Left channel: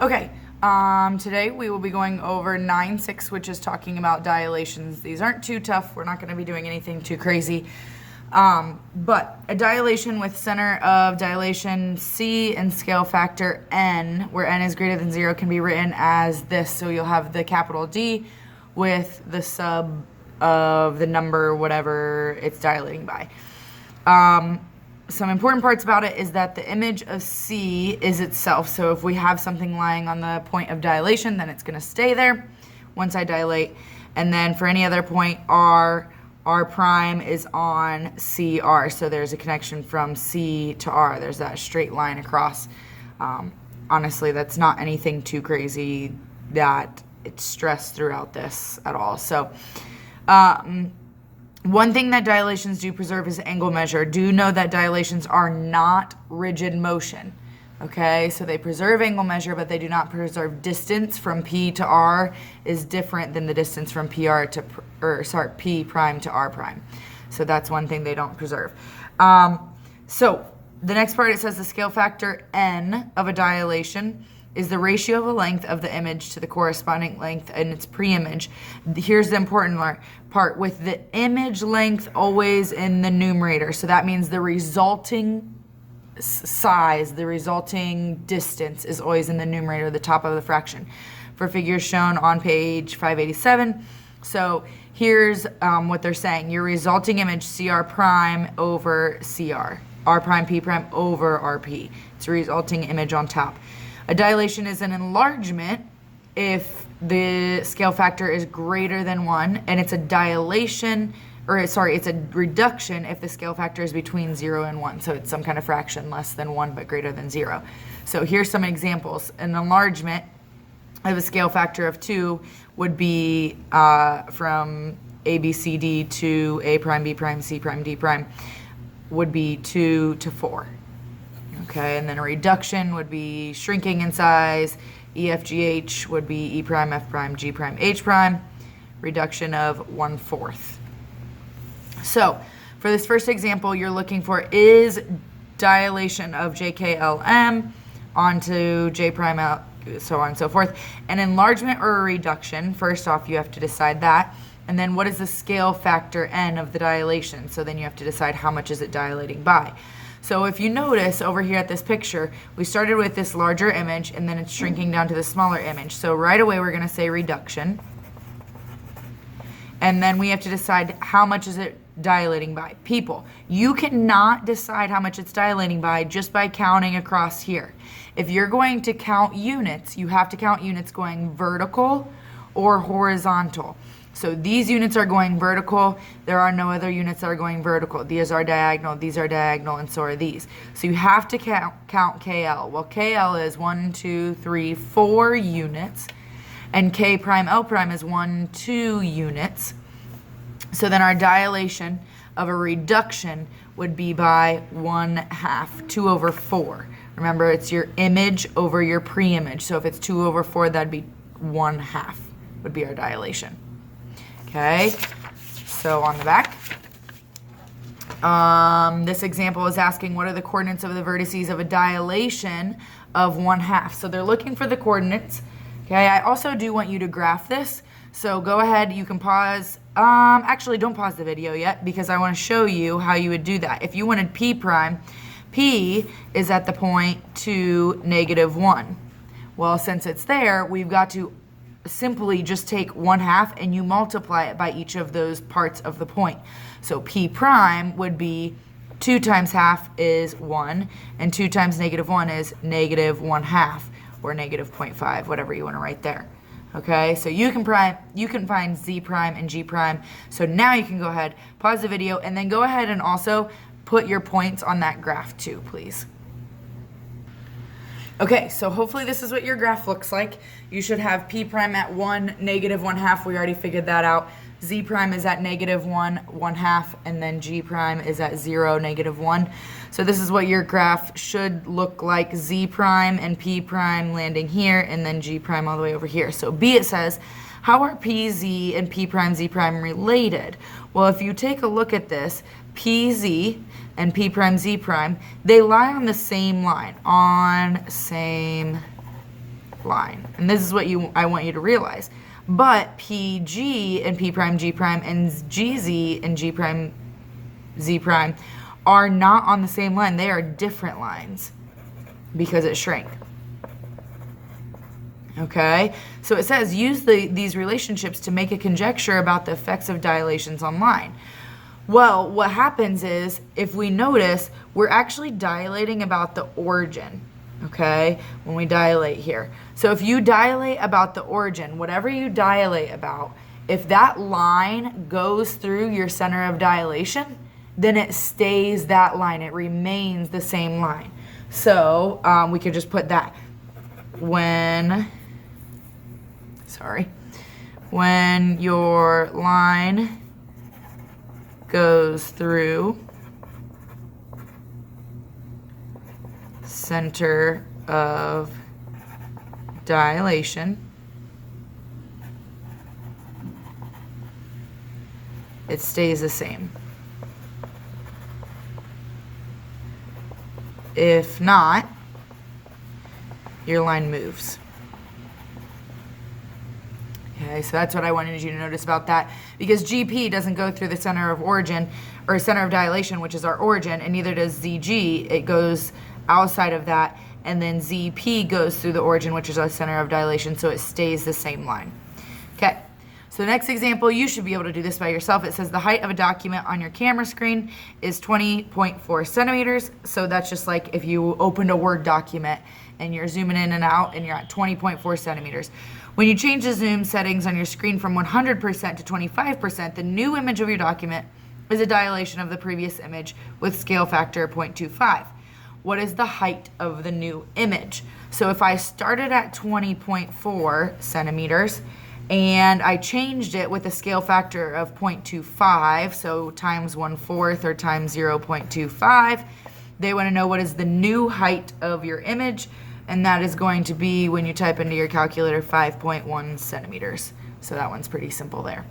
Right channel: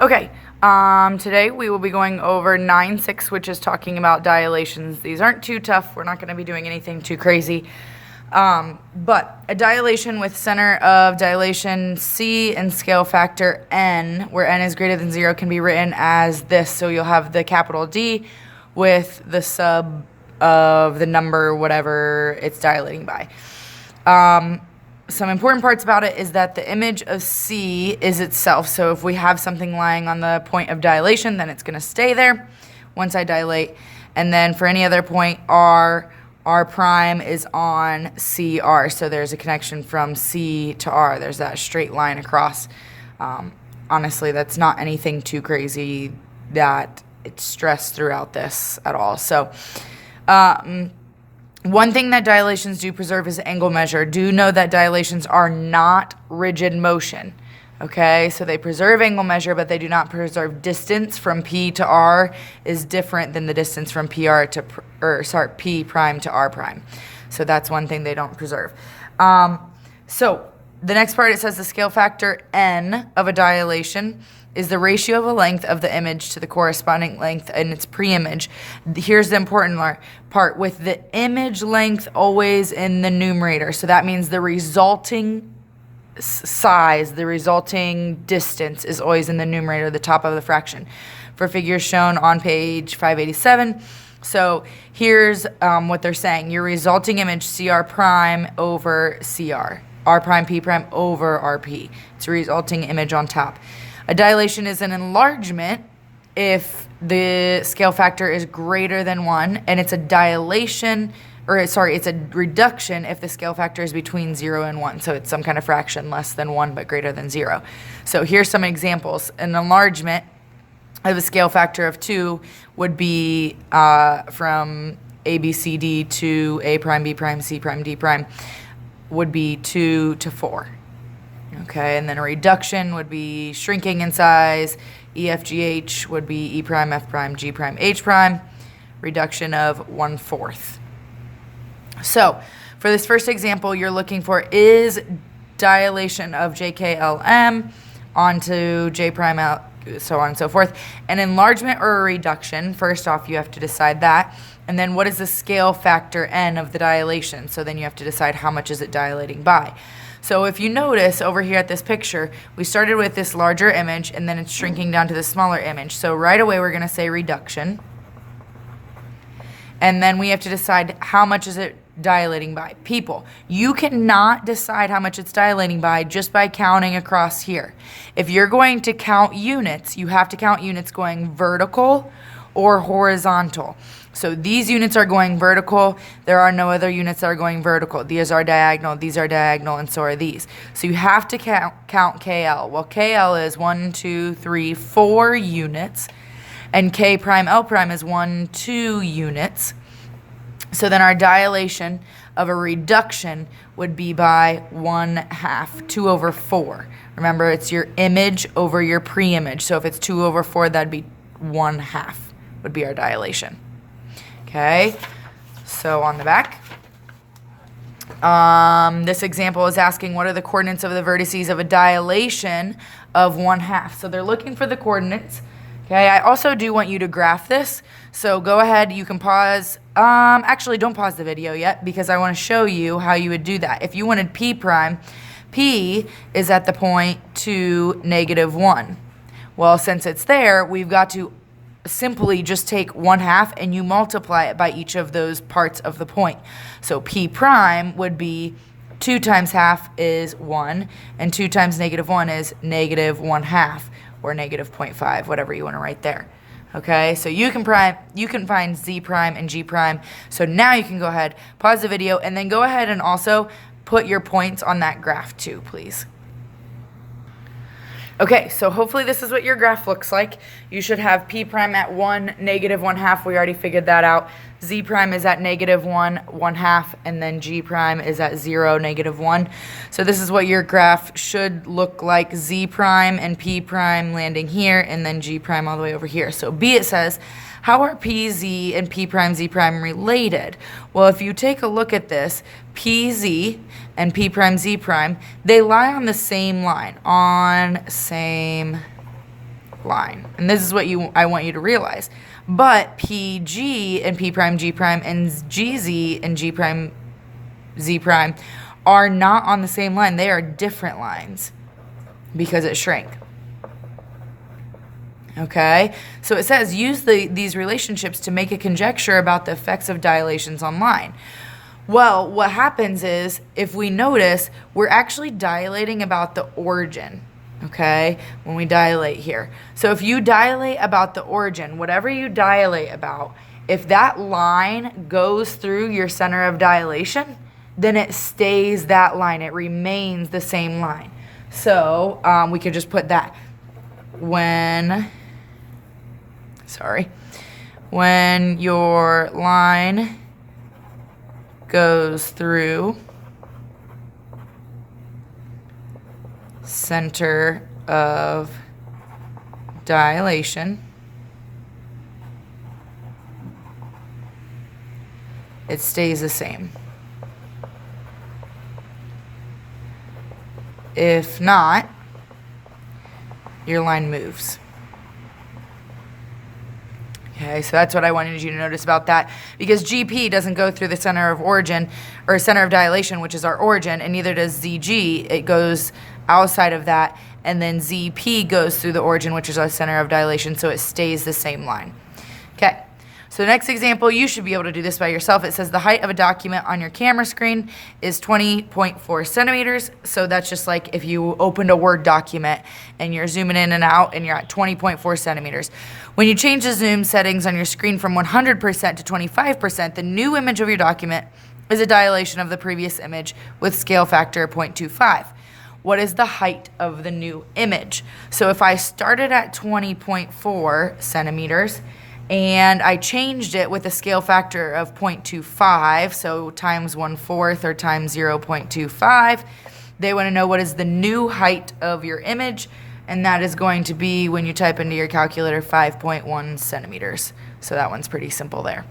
Okay, today we will be going over 9-6, which is talking about dilations. These aren't too tough. We're not going to be doing anything too crazy. But a dilation with center of dilation C and scale factor N, where N is greater than 0, can be written as this. So you'll have the capital D with the sub of the number, whatever it's dilating by. Some important parts about it is that the image of C is itself. So if we have something lying on the point of dilation, then it's going to stay there once I dilate. And then for any other point, R prime is on CR. So there's a connection from C to R. There's that straight line across. Honestly, that's not anything too crazy that it's stressed throughout this at all. So, one thing that dilations do preserve is angle measure. Do know that dilations are not rigid motion. Okay, so they preserve angle measure, but they do not preserve distance from P to R is different than the distance from P prime to R prime. So that's one thing they don't preserve. So the next part, it says the scale factor N of a dilation is the ratio of the length of the image to the corresponding length in its pre-image. Here's the important part, with the image length always in the numerator. So that means the resulting size, the resulting distance is always in the numerator, the top of the fraction. For figures shown on page 587. So here's what they're saying. Your resulting image CR prime over CR. R prime P prime over RP. It's a resulting image on top. A dilation is an enlargement if the scale factor is greater than 1, and it's a dilation, it's a reduction if the scale factor is between 0 and 1. So it's some kind of fraction less than 1 but greater than 0. So here's some examples. An enlargement of a scale factor of 2 would be from ABCD to A prime, B prime, C prime, D prime would be 2 to 4. Okay, and then a reduction would be shrinking in size. EFGH would be E prime, F prime, G prime, H prime. Reduction of 1/4. So for this first example, you're looking for is dilation of JKLM onto J prime L, so on and so forth. An enlargement or a reduction. First off, you have to decide that. And then what is the scale factor N of the dilation? So then you have to decide how much is it dilating by. So if you notice over here at this picture, we started with this larger image and then it's shrinking down to the smaller image. So right away we're going to say reduction. And then we have to decide how much is it dilating by. People, you cannot decide how much it's dilating by just by counting across here. If you're going to count units, you have to count units going vertical or horizontal. So these units are going vertical. There are no other units that are going vertical. These are diagonal, and so are these. So you have to count KL. Well, KL is 1, 2, 3, 4 units, and K prime L prime is 1, 2 units. So then our dilation of a reduction would be by 1/2, 2 over 4. Remember, it's your image over your pre-image. So if it's 2 over 4, that'd be 1/2 would be our dilation. Okay, so on the back, this example is asking what are the coordinates of the vertices of a dilation of 1/2. So they're looking for the coordinates. Okay, I also do want you to graph this. So go ahead, you can pause. Actually, don't pause the video yet because I want to show you how you would do that. If you wanted P prime, P is at the point 2, -1. Well, since it's there, we've got to simply just take 1/2 and you multiply it by each of those parts of the point. So P prime would be 2 times half is 1, and 2 times -1 is -1/2, or -0.5, whatever you want to write there. Okay, so you can find Z prime and G prime. So now you can go ahead, pause the video, and then go ahead and also put your points on that graph too, please. Okay, so hopefully this is what your graph looks like. You should have P prime at 1, -1/2. We already figured that out. Z prime is at -1, 1/2, and then G prime is at 0, -1. So this is what your graph should look like. Z prime and P prime landing here, and then G prime all the way over here. So B, it says, how are P, Z, and P prime, Z prime related? Well, if you take a look at this, PZ and P prime Z prime, they lie on the same line, on same line. And this is what I want you to realize. But PG and P prime, G prime, and GZ and G prime, Z prime are not on the same line. They are different lines because it shrank. Okay, so it says use these relationships to make a conjecture about the effects of dilations on line. Well, what happens is, if we notice, we're actually dilating about the origin, okay, when we dilate here. So if you dilate about the origin, whatever you dilate about, if that line goes through your center of dilation, then it stays that line. It remains the same line. So we could just put that. When your line goes through center of dilation, it stays the same. If not, your line moves. Okay, so that's what I wanted you to notice about that, because GP doesn't go through the center of origin or center of dilation, which is our origin, and neither does ZG. It goes outside of that, and then ZP goes through the origin, which is our center of dilation, so it stays the same line. Okay, so the next example, you should be able to do this by yourself. It says the height of a document on your camera screen is 20.4 centimeters. So that's just like if you opened a Word document and you're zooming in and out and you're at 20.4 centimeters. When you change the zoom settings on your screen from 100% to 25%, the new image of your document is a dilation of the previous image with scale factor 0.25. What is the height of the new image? So if I started at 20.4 centimeters and I changed it with a scale factor of 0.25, so times 1/4 or times 0.25, they want to know what is the new height of your image, and that is going to be, when you type into your calculator, 5.1 centimeters. So that one's pretty simple there.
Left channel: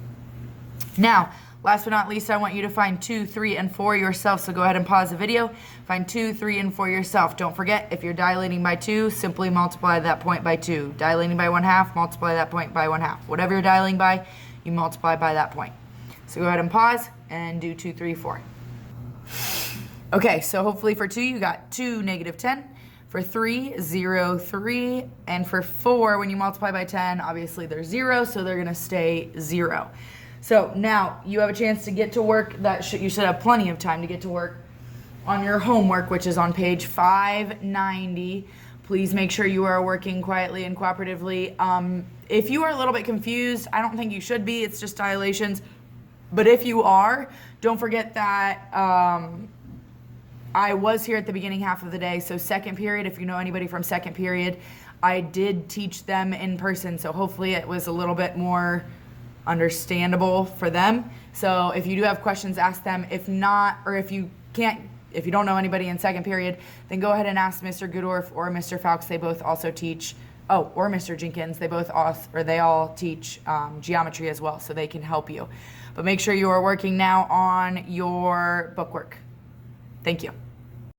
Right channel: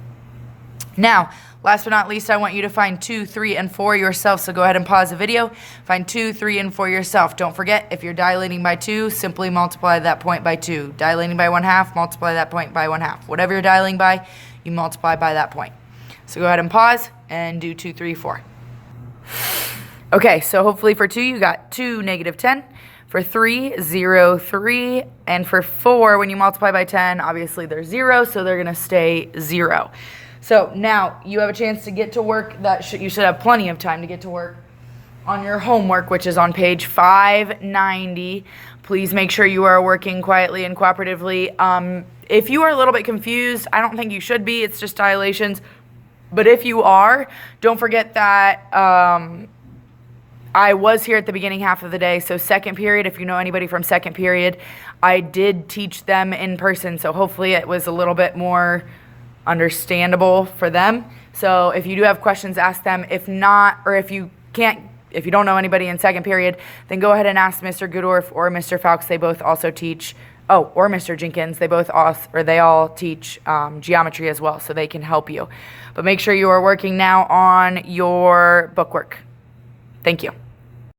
Now, last but not least, I want you to find 2, 3, and 4 yourself. So go ahead and pause the video. Find 2, 3, and 4 yourself. Don't forget, if you're dilating by 2, simply multiply that point by 2. Dilating by 1/2, multiply that point by 1/2. Whatever you're dilating by, you multiply by that point. So go ahead and pause and do 2, 3, 4. Okay, so hopefully for 2, you got 2, -10. For 3, 0, 3. And for 4, when you multiply by 10, obviously they're 0, so they're going to stay 0. So now you have a chance to get to work. You should have plenty of time to get to work on your homework, which is on page 590. Please make sure you are working quietly and cooperatively. If you are a little bit confused, I don't think you should be. It's just dilations. But if you are, don't forget that I was here at the beginning half of the day. So second period, if you know anybody from second period, I did teach them in person. So hopefully it was a little bit more understandable for them. So if you do have questions, ask them. If not, or if you don't know anybody in second period, then go ahead and ask Mr. Goodorf or Mr. Fowkes. They both also teach, or Mr. Jenkins. They all teach geometry as well, so they can help you. But make sure you are working now on your bookwork. Thank you.